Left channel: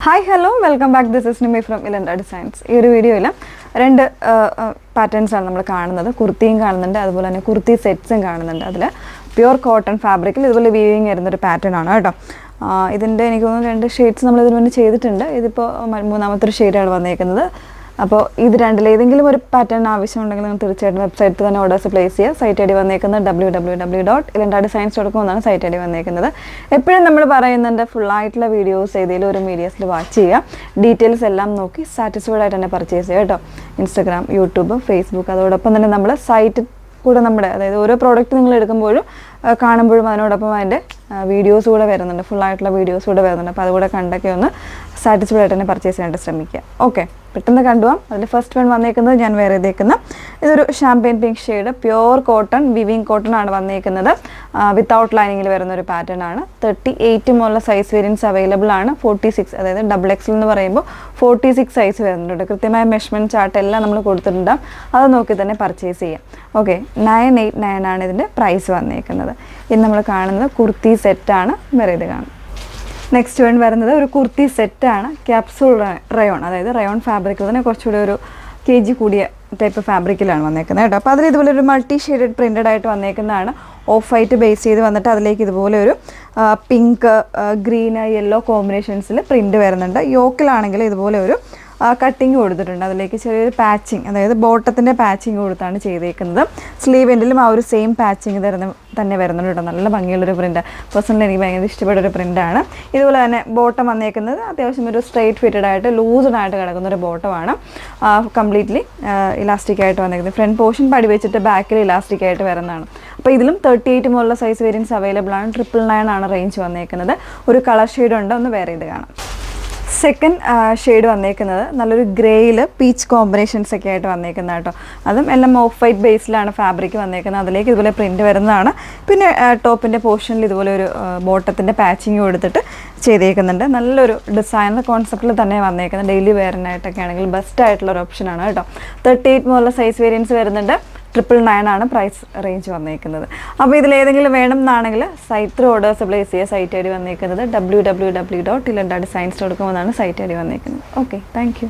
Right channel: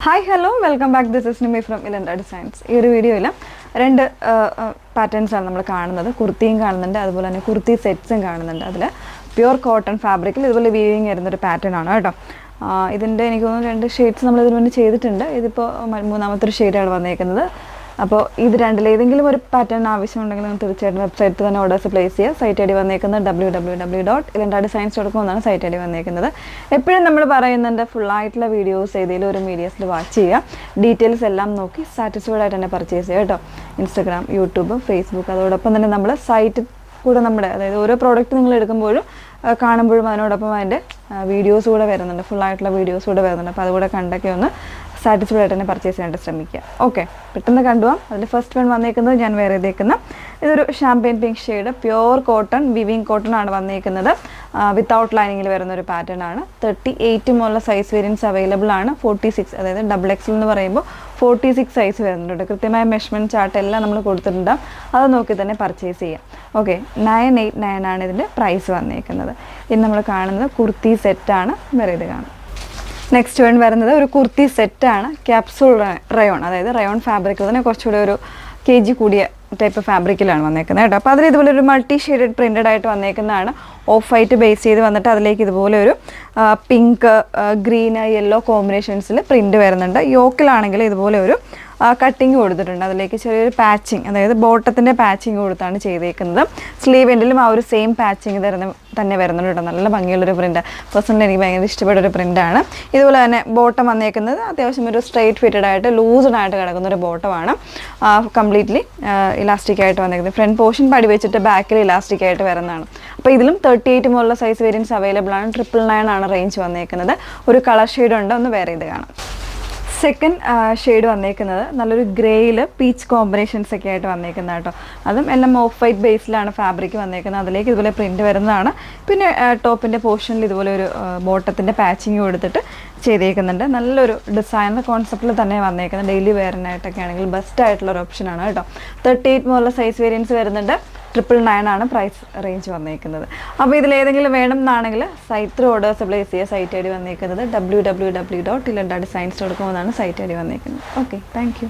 Hi, hello, welcome back. This is Nimi from Ilanda Designs. In this video, രണ്ട് patterns ആണ് നമ്മൾ കാണുന്നത്. കുർത്തിയും കാണുന്നുണ്ട്, അതുപോലെ തന്നെ കുർത്തി സെറ്റ്സും കാണുന്നുണ്ട്. അതിൽ പ്യുർ കോട്ടൺ ഫാബ്രിക്കിൽ ഇതുപോലെ വീവിങ് വരുന്ന ഒരു പാറ്റേൺ ആണ് കേട്ടോ. ഇതിൻ്റെ എനിക്ക് തോന്നുന്നു രണ്ട് ഷെയ്ഡ്സ് നമ്മൾ ഇതിനു വേണ്ടി ചെയ്തിട്ടുണ്ട്. ഇതിപ്പോൾ മൂന്നാമത്തെ ഒരു ഷെയ്ഡാണ് വന്നേക്കുന്നത്. അപ്പോൾ ഇത് രണ്ടിലേതെങ്കിലും ഒരു പാറ്റേൺ ആവശ്യമുണ്ടെങ്കിൽ നിങ്ങൾ തീർച്ചയായിട്ടും വെബ്സൈറ്റിൽ തന്നെ ഓർഡേഴ്സ് പ്ലേസ് ചെയ്യുക. സൈറ്റ് ഐ ഡി വന്നേക്കുന്നത് www.ilandadesigns.com എന്നാണ് സൈറ്റ് ഐ ഡി വന്നേക്കുന്നത്. എപ്പോഴും നമ്മൾ പറയുന്നുണ്ട് ഫുള്ളായിട്ടുള്ള വീഡിയോസ് ഏതെങ്കിലും ഒരു മീഡിയസിൽ വാച്ച് ചെയ്യുക, ഡീറ്റെയിൽസ് എല്ലാം നോക്കി സാറ്റിസ്ഫൈഡ് ആയിട്ട് തന്നെ പർച്ചേസ് ചെയ്യുക കേട്ടോ. ഇൻസ്റ്റാഗ്രാം, യൂട്യൂബ്, ഫേസ്ബുക്ക്, അതോടൊപ്പം തന്നെ നമ്മൾ സൈറ്റ് കൂടെ നമ്മുടെ അതായത് ഓരോ പ്രോഡക്റ്റ് നിങ്ങൾ എടുക്കുമ്പോഴും കാണുമ്പോഴും അതിനോടൊപ്പം അതിൻ്റെ വീഡിയോസ് കൂടെ വരുന്നുണ്ട്, ഫുള്ളായിട്ടുള്ള വീഡിയോസ് കൂടെ വരുന്നുണ്ട്. അപ്പോൾ അതുകൂടെ കണ്ടൊക്കെ ഒന്ന് സാറ്റിസ്ഫൈഡ് ആയിട്ട് തന്നെ പർച്ചേസ് ചെയ്യാനായിട്ട് ശ്രമിക്കുക. ഓക്കെ, പെട്ടെന്ന് കണ്ടുപോകാം. അതിൽ ഫസ്റ്റ് വൺ വന്നേക്കുന്നത് ഞാൻ വേറെ ചെയ്തേക്കുന്ന ഇതൊരു champagne pink shade pure cotton weaving cotton ആണ് വന്നേക്കുന്നത്. വിത്തൗട്ട് ലൈനിങ്ങിൽ വരുന്ന ഒരു പാറ്റേൺ ആണ്. 38 മുതലുള്ള സൈസ് വേരിയൻസ് അവൈലബിൾ ആണ്. 46 അതായത് XXL എന്ന് പറയുമ്പോൾ 46 സൈസ് വരുന്നുണ്ട്. കൃത്യമായ മെഷർമെൻറ്റ് ചാർട്ട് എല്ലാം നമ്മൾ കൊടുത്തിട്ടുണ്ട്, അത് നോക്കി തന്നെ പർച്ചേസ് ചെയ്യാം. ഓക്കെ, 989 ആണ് ഇതിൻ്റെ പ്രൈസ് വന്നേക്കുന്നത്. ഇന്ന് നമ്മൾ കാണുന്നത് കുർത്തി സെറ്റാണ്. വേറെ ഇത് കാണും. നെക്സ്റ്റ് വൺ വരുന്നത് ഒരു കുർത്തി സെറ്റാണ്. ക്യാപ്സൂൾ റയോൺ, അതായത് റയോൺ ഫാബ്രിക്കിൽ തന്നെ കുറച്ചുകൂടി ഒരു kg കൂടിയ ടൈപ്പ് ഫാബ്രിക്കിലാണ് വന്നേക്കുന്നത് കേട്ടോ. അപ്പോൾ അതിൽ ഇതുപോലെ ഒരു മൾട്ടി ഷെയ്ഡഡ് പ്രിൻറ്റഡ് ആയിട്ട് വന്നേക്കുന്നതാണ്. ഓഫ് വൈറ്റ് ബേസ് ചെയ്ത് വന്നിട്ട് അതിലേക്ക് ഇതുപോലെ ഒരു പിങ്ക്, ഗ്രീൻ, യെല്ലോ കോമ്പിനേഷൻസിൽ പ്രിൻറ്റ് വരുന്നുണ്ട്. യോക്കിലാണെങ്കിൽ ഇതുപോലെ ഒരു കട്ടിങ് കൊടുത്തിട്ടുണ്ട്. അതിലേക്ക് ചെറിയൊരു പാച്ചിങ്, അതായത് ബോട്ടത്തിൻ്റെ പാച്ചിങ് കൊടുത്താണ് ചെയ്തേക്കുന്നത്. സ്ലീവ് എൻഡിലും ആ ഒരു സെയിം പാച്ചിങ് തന്നെ വരുന്നുണ്ട് കേട്ടോ. നല്ല ഭംഗിയുള്ളൊരു പ്രിൻ്റ്, പേഴ്സണലി എനിക്ക് ഭയങ്കര ഇഷ്ടപ്പെട്ട ഒരു പ്രിൻ്റാണ്. ഇതുപോലെ തന്നെ ബോട്ടം വന്നേക്കുന്നത് അത്യാവശ്യം ഒരു സ്ട്രെയിറ്റ് ഫിറ്റഡ് ആയിട്ട് ലൂസ്ഡ് ആയിട്ട് കിടക്കുന്ന ഒരു ബോട്ടമാണ്. കംപ്ലീറ്റ്ലി ഇലാസ്റ്റിക് ആയിട്ട് വന്നേക്കുന്നത്. ഫ്രണ്ട് പോർഷൻ പടി വെച്ചിട്ട് ബാക്കിൽ ഇലാസ്റ്റിക് ആയിട്ട് വരുന്നതാണ്. അപ്പോൾ ഇതിലും 38 മുതലുള്ള സൈസ് വേരിയൻസ് അവൈലബിൾ ആണ്. 999 ആണ് റേഞ്ച് വന്നേക്കുന്നത്. ഒരു കളർ ഷെയ്ഡ് ഉണ്ട്, ഒന്ന് വേറെ ഇത് കാണാം. സെക്കൻഡ് ഷെയ്ഡ് വന്നേക്കുന്നത് നല്ലൊരു ഗ്രേയിൽ പീച്ച് കോമ്പിനേഷൻസ് ഒക്കെ ആയിട്ട് വന്നേക്കുന്നത് കേട്ടോ. അതും എല്ലാം ഓഫ് വൈറ്റ് ബേസിലാണ് ഫാബ്രിക് വന്നേക്കുന്നത്. അതിലേക്ക് ഇതുപോലെ പ്രിൻറ്റ് വരുന്നതാണ്. പിന്നെ ടോപ്പിൻ്റെ പോർഷനിൽ ഇതുപോലെ ഒരു ബോട്ടത്തിൻ്റെ പാച്ചിങ് കൊടുത്തിട്ട് ചെയ്തേക്കുന്നുണ്ട്. നല്ലൊരു ഡിസൈനർ കോൺസെപ്റ്റിൽ തന്നെ വന്നേക്കുന്നത്. ഡെയിലി വെയറിനായിട്ടൊക്കെ ആണെങ്കിൽ ബെസ്റ്റ് ആയിട്ടുള്ള ഒരു ഓപ്ഷനാണ് കേട്ടോ. 38 മുതലുള്ള സൈസ് വേരിയൻസ് വരുന്നുണ്ട്. 999 ആണ് പ്രൈസ് റേഞ്ച് വന്നേക്കുന്നത്. അപ്പോൾ ഇതിലേതെങ്കിലും വേണം എന്നാണെങ്കിൽ സൈറ്റ് ഓർഡേഴ്സ് പ്ലേസ് ചെയ്യുക. സൈറ്റ് ഐ ഡി വന്നേക്കുന്നത് www.ilandadesigns.com എന്നാണ് സൈറ്റ് ഐ ഡി വന്നേക്കുന്നത്. Okay, thank you.